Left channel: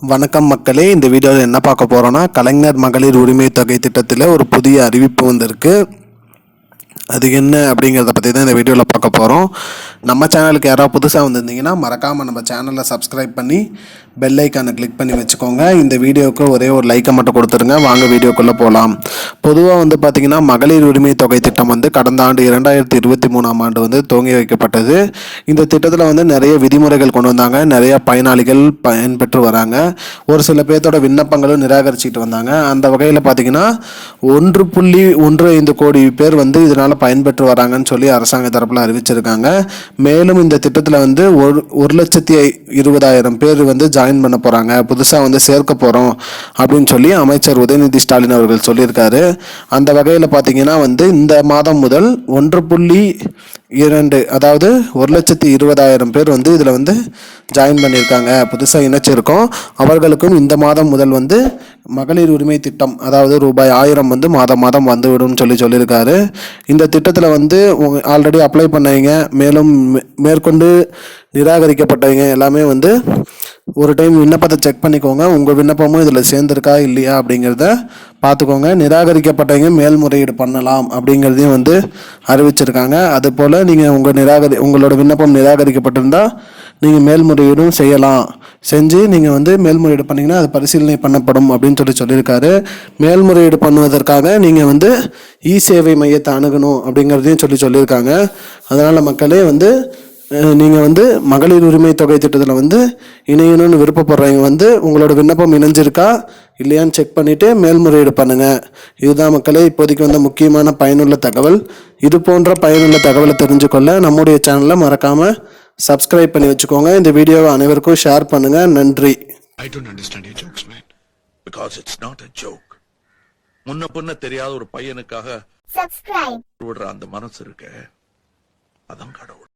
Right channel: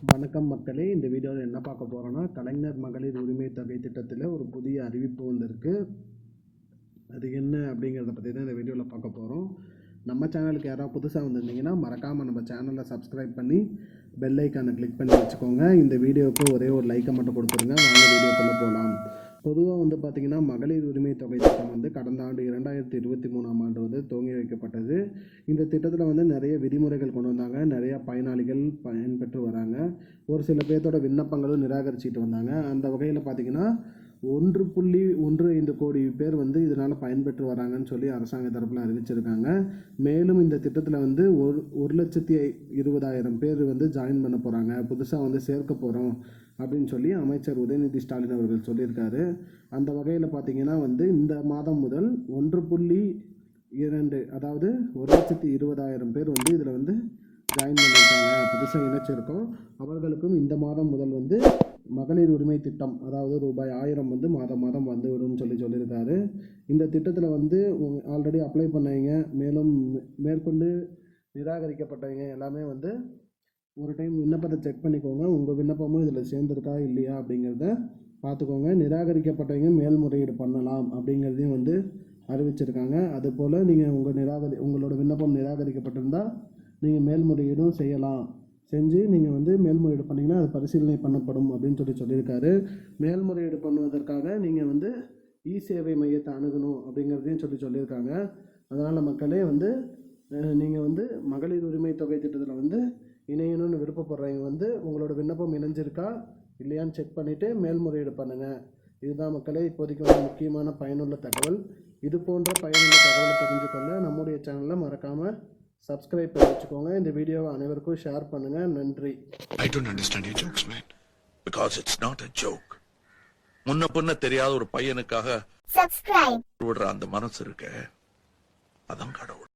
வணக்கம் மக்களே, இந்த வீடியோவில் என்ன பார்க்க போகிறோன்னா, கலைஞர் மகளிர் உரிமை தொகை திட்டத்தில் ஒரு புதிய அறிவிப்பு வந்திருக்கு. அது என்ன அப்படிங்கிறத பற்றி தான் இந்த வீடியோவில் பார்க்க போகிறோம். நம்ம சேனலுக்கு யாராவது புதுசாக வந்திருந்தீங்கன்னா மறக்காமல் நம்ம சேனலை சப்ஸ்கிரைப் பண்ணி பெல் ஐக்கானை கிளிக் பண்ணி வச்சுக்கோங்க. இந்த வீடியோவுக்கு ஒரே ஒரு லைக்கை மட்டும் கொடுத்துருங்க. வாங்க வீடியோக்குள்ளே போகலாம். பொதுவாக பார்த்திங்கன்னா மகளிர் உரிமை தொகை திட்டம் கடந்த ஆண்டு 2023ஆம் ஆண்டு துவங்கி வைக்கப்பட்டது. இந்த திட்டத்தில் நிறைய விதிமுறைகள் கொண்டு வந்தாங்க. நிறைய பயனாளிகள் பயன்பெற்று வராங்க. ஒரு சில பேர்த்தோட விண்ணப்பங்களும் நிராகரிச்சுட்டு வந்தாங்க. அந்த வகையில் பார்த்திங்கன்னா 1.15 கோடி பேர் இதனால் பயன்பெற்று வராங்கன்னு சொல்லி அரசாங்க தரப்பில் அறிவிச்சிருக்காங்க. மேலும் இந்த திட்டத்தில் 1,20,020 பேர் ஜாயின் பண்ண போகிறாங்க, புதுசாக சேர்க்க போகிறோம் அப்படின்னு சொல்லி அமைச்சர் உதயநிதி ஸ்டாலின் அவர்கள் சொல்லியிருக்காரு. அந்த வகையில் பார்த்தீங்கன்னா இந்த மாதம் முதல் 1.2 அதாவது 1,20,000 பேர் இதில் ஜாயின் பண்ணியிருக்காங்க, புதுசாக இணைச்சிருக்கோம். அவர்களுக்கும் இந்த மாதம் முதல் மகளிர் உரிமை திட்டம் அதாவது ரூபாய் 1000 மாதம் மாதம் வந்துவிடும் சொல்லியிருக்காரு. இந்த திட்டத்தில் ஆல்ரெடி அப்ளை பண்ணவங்க, மேலும் மேற்கொண்டு நிராகரிக்கப்பட்டவங்க எல்லாமே ஒரு டைம் விண்ணப்பத்தை செக் பண்ணிக்கோங்க. உங்கள் விண்ணப்பமும் இதில் சேர்ந்துருக்கா இல்லையா அப்படிங்கிறத பார்த்துக்கோங்க. நிராகரிக்கப்பட்டவங்க மேல்முறையீடு பண்ணலாம் அப்படிங்கிறதையும் அறிவிச்சிருக்காங்க. அதுபோல் நீங்கள் உங்களோட விண்ணப்பம் நிராகரிக்கப்பட்டிருந்தால் நீங்கள் மேல்முறையீடும் செய்யலாம். செஞ்சு நீங்கள் மேல்முறையீடு பண்ணிங்கன்னா அது பரிசீலனை பண்ணப்படும் அப்படின்னு சொல்லியிருக்காரு. மேல்முறையீடு பண்ணுவதற்காக நீங்கள் இ சேவை மையத்தை அணுகணும் அப்படிங்கிறதையும் சொல்லியிருக்காங்க. அதனால் மக்களே நீங்கள் மகளிர் உரிமை தொகை திட்டத்தில் இணையணும்னு விருப்பப்படுறவங்க உங்களோட விண்ணப்பம் இணைஞ்சிருக்கா இல்லையான்னு செக் பண்ணிவிட்டு மேல்முறையீடு பண்ணுங்கள். இதுதான் மக்களே இப்போதைக்கு முக்கியமான பயனுள்ள தகவல். இது போன்ற பயனுள்ள தகவலை தெரிஞ்சுக்கொள்ள நம்முடைய சேனலை மறக்காமல் சப்ஸ்கிரைப் பண்ணி வச்சுக்கோங்க. இந்த வீடியோவை அனைவருக்கும் ஷேர் பண்ணுங்கள். நன்றி. I don't understand your jokes, man. Because it's not a joke. முன்ன பின்ன தெரியாத ஒரு பையனுக்காக விடுற அந்த மனசு இருக்க, அதான் கடவுள்.